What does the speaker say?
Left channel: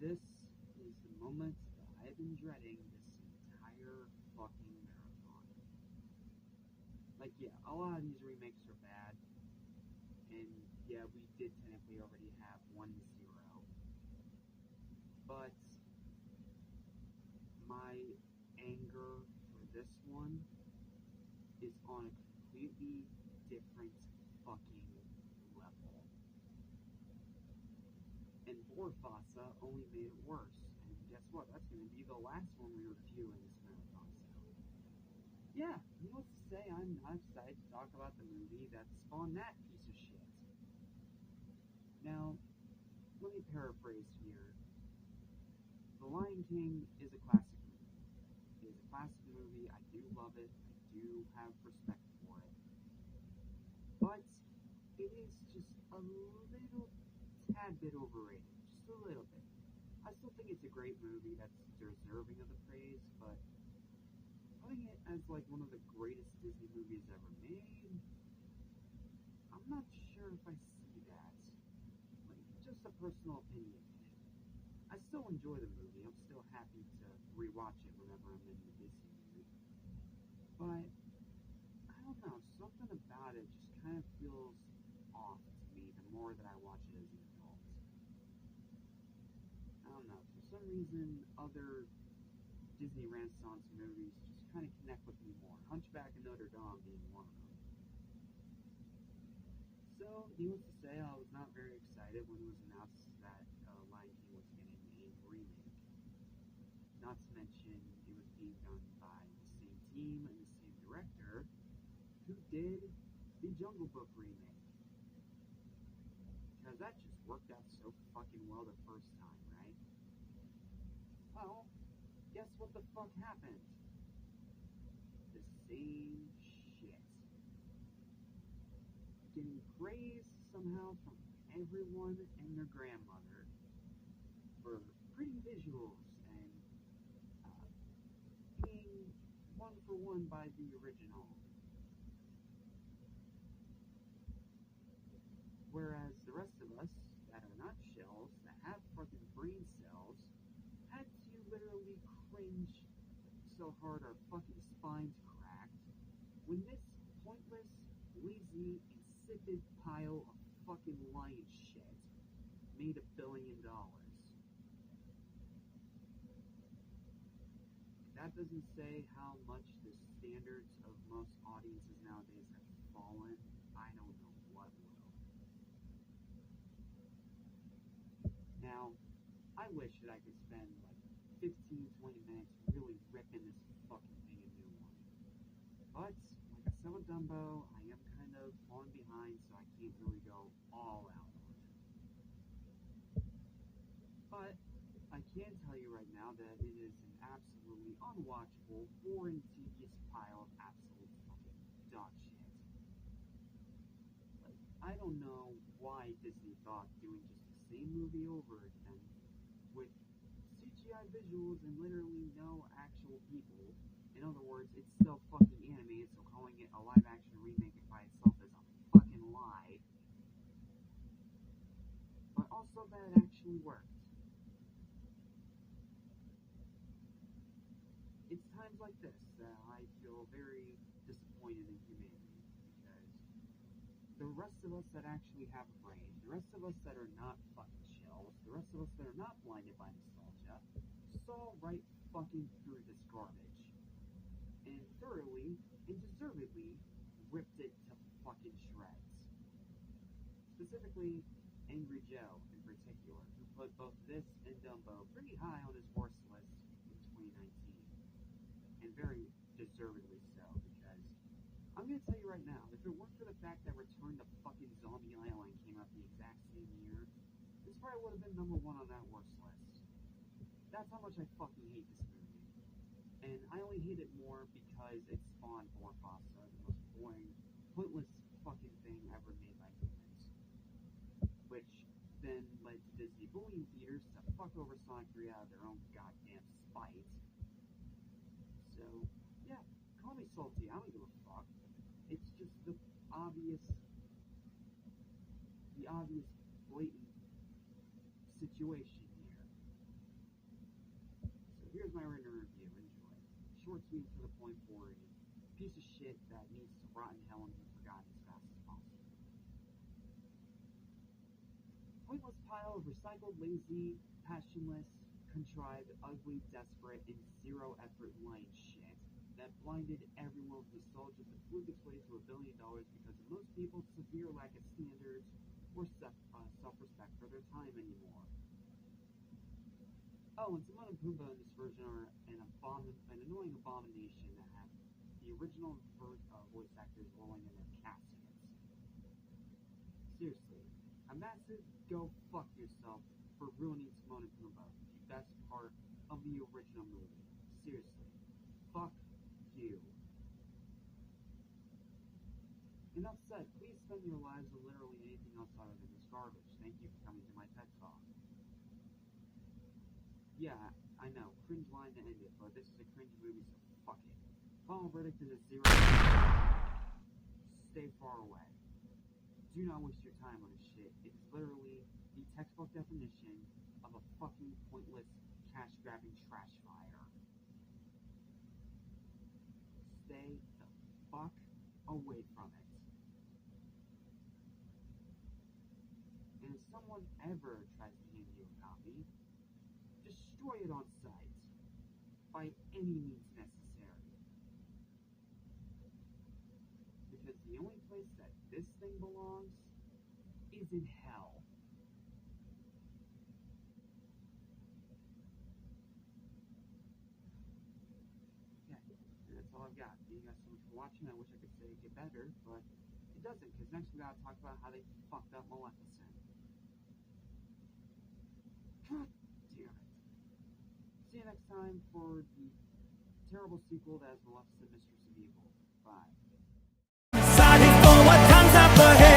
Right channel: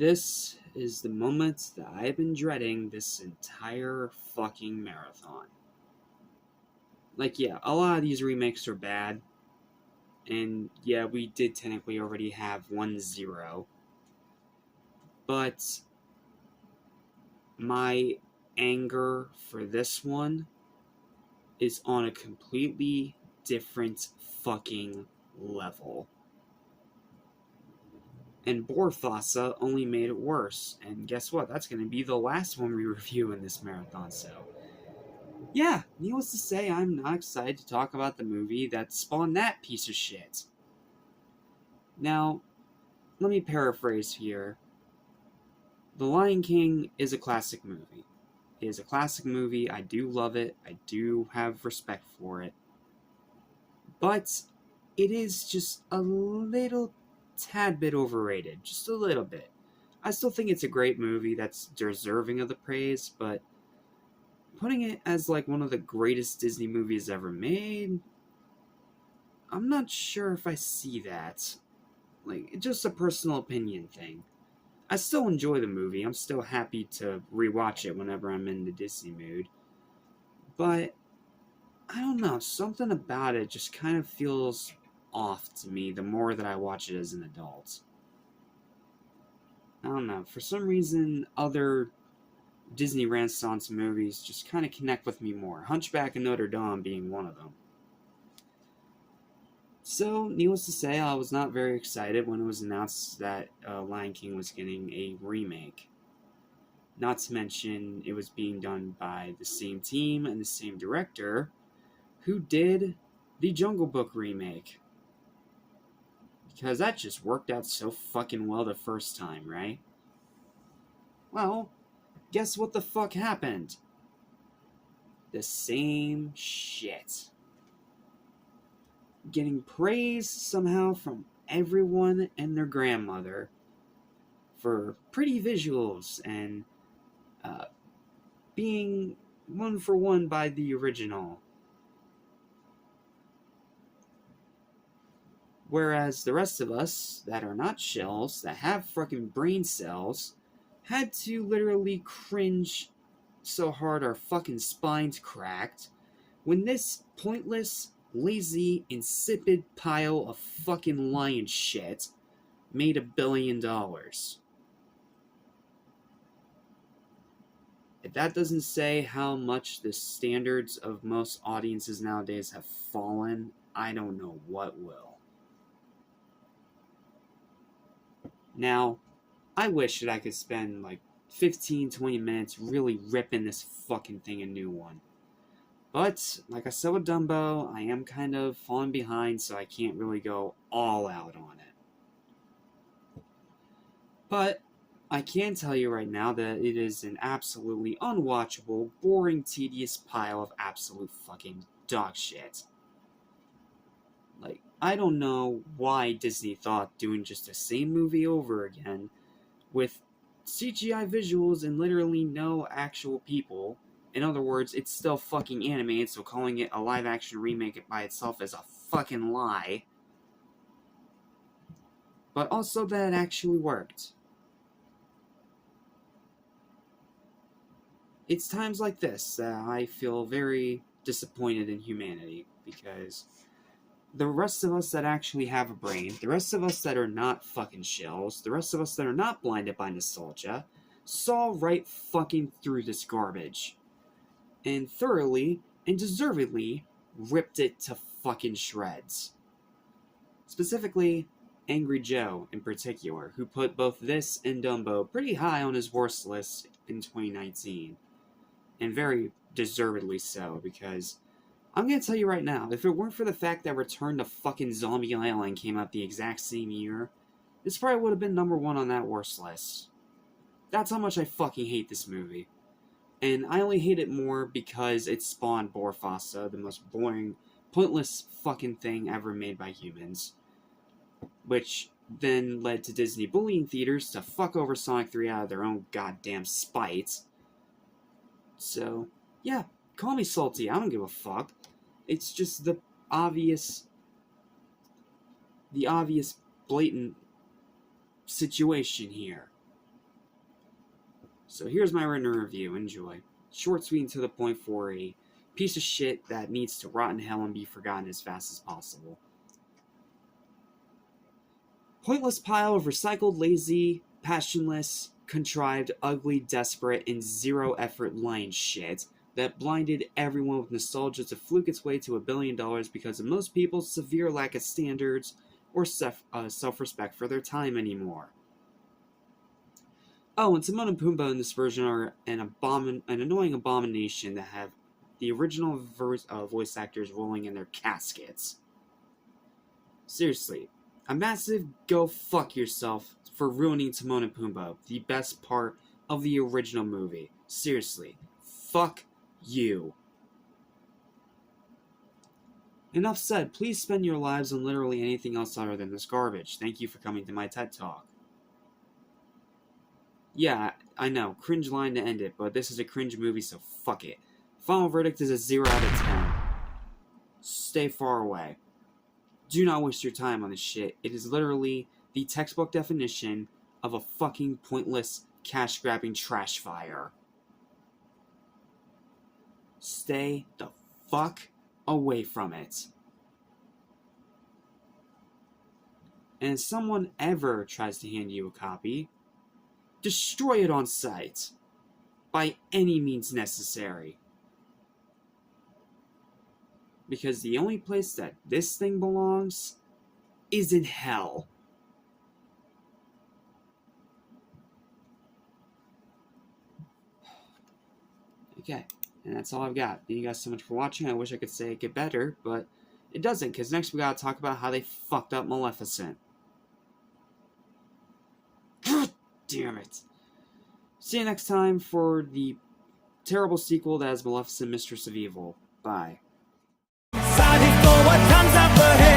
This is the moment that I've been dreading this entire fucking marathon. Like, yeah, a lot of these remakes are bad. And yeah, we did technically already have 1-0. But my anger for this one is on a completely different fucking level. And Borfasa only made it worse. And guess what? That's going to be the last one we review in this marathon, so yeah, needless to say, I'm not excited to talk about the movie that spawned that piece of shit. Now, let me paraphrase here. The Lion King is a classic movie. It is a classic movie. I do love it. I do have respect for it. But it is just a little tad bit overrated. Just a little bit. I still think it's a great movie that's deserving of the praise, but putting it as like one of the greatest Disney movies ever made, I'm not sure if I see that. Like, it's just a personal opinion thing. I still enjoy the movie. I'm still happy to rewatch it whenever I'm in the Disney mood. But, I don't know, something about it just kind of feels off to me the more that I watch it as an adult. I don't know, for some reason, other Disney Renaissance movies just kind of connect with me more. Hunchback of Notre Dame being one of them. So, needless to say, I was not very excited when it was announced that Lion King was getting a remake. Not to mention, it was being done by the same team and the same director who did the Jungle Book remake. Because that just worked out so fucking well the first time, right? Well, guess what the fuck happened? The same shit. Getting praise somehow from everyone and their grandmother for pretty visuals and being one for one by the original. Whereas the rest of us that are not shells, that have fucking brain cells, had to literally cringe so hard our fucking spines cracked when this pointless, lazy, insipid pile of fucking lion shit made $1 billion. If that doesn't say how much the standards of most audiences nowadays have fallen, I don't know what will. Now, I wish that I could spend like 15-20 minutes really ripping this fucking thing a new one. But, like I said with Dumbo, I am kind of falling behind, so I can't really go all out on it. But, I can tell you right now that it is an absolutely unwatchable, boring, tedious pile of absolute fucking dog shit. Like, I don't know why Disney thought doing just the same movie over again, with CGI visuals and literally no actual people. In other words, it's still fucking animated, so calling it a live-action remake by itself is a fucking lie. But also that it actually worked. It's times like this that I feel very disappointed in humanity, because the rest of us that actually have a brain, the rest of us that are not fucking shells, the rest of us that are not blinded by nostalgia, saw right fucking through this garbage. And thoroughly and deservedly ripped it to fucking shreds. Specifically, Angry Joe in particular, who put both this and Dumbo pretty high on his worst list in 2019. And very deservedly so, because I'm gonna tell you right now, if it weren't for the fact that Return to fucking Zombie Island came out the exact same year, this probably would have been number 1 on that worst list. That's how much I fucking hate this movie. And I only hate it more because it spawned Borfasa, the most boring, pointless fucking thing ever made by humans. Which then led to Disney bullying theaters to fuck over Sonic 3 out of their own goddamn spite. So, yeah, call me salty, I don't give a fuck. It's just the obvious, blatant situation here. So here's my written review. Enjoy. Short, sweet, and to the point for a piece of shit that needs to rot in hell and be forgotten as fast as possible. Pointless pile of recycled, lazy, passionless, contrived, ugly, desperate, and zero-effort line shit that blinded everyone with nostalgia to fluke its way to $1 billion because of most people's severe lack of standards or self-respect for their time anymore. Oh, and Timon and Pumbaa in this version are an annoying abomination that have the original voice actors rolling in their caskets. Seriously, a massive go fuck yourself for ruining Timon and Pumbaa, the best part of the original movie. Seriously, fuck you. Enough said. Please spend your lives on literally anything else other than this garbage. Thank you for coming to my TED Talk. Yeah, I know, cringe line to end it, but this is a cringe movie, so fuck it. Final verdict is a 0 out of 10. Stay far away. Do not waste your time on this shit. It is literally the textbook definition of a fucking pointless, cash-grabbing trash fire. Stay the fuck away from it. And if someone ever tries to hand you a copy, destroy it on sight. By any means necessary. Because the only place that this thing belongs is in hell. Okay, and that's all I've got. Thank you guys so much for watching. I wish I could say it get better, but it doesn't, because next we gotta talk about how they fucked up Maleficent. God damn it. See you next time for the terrible sequel that is Maleficent, Mistress of Evil. Bye. Fighting for what comes up ahead.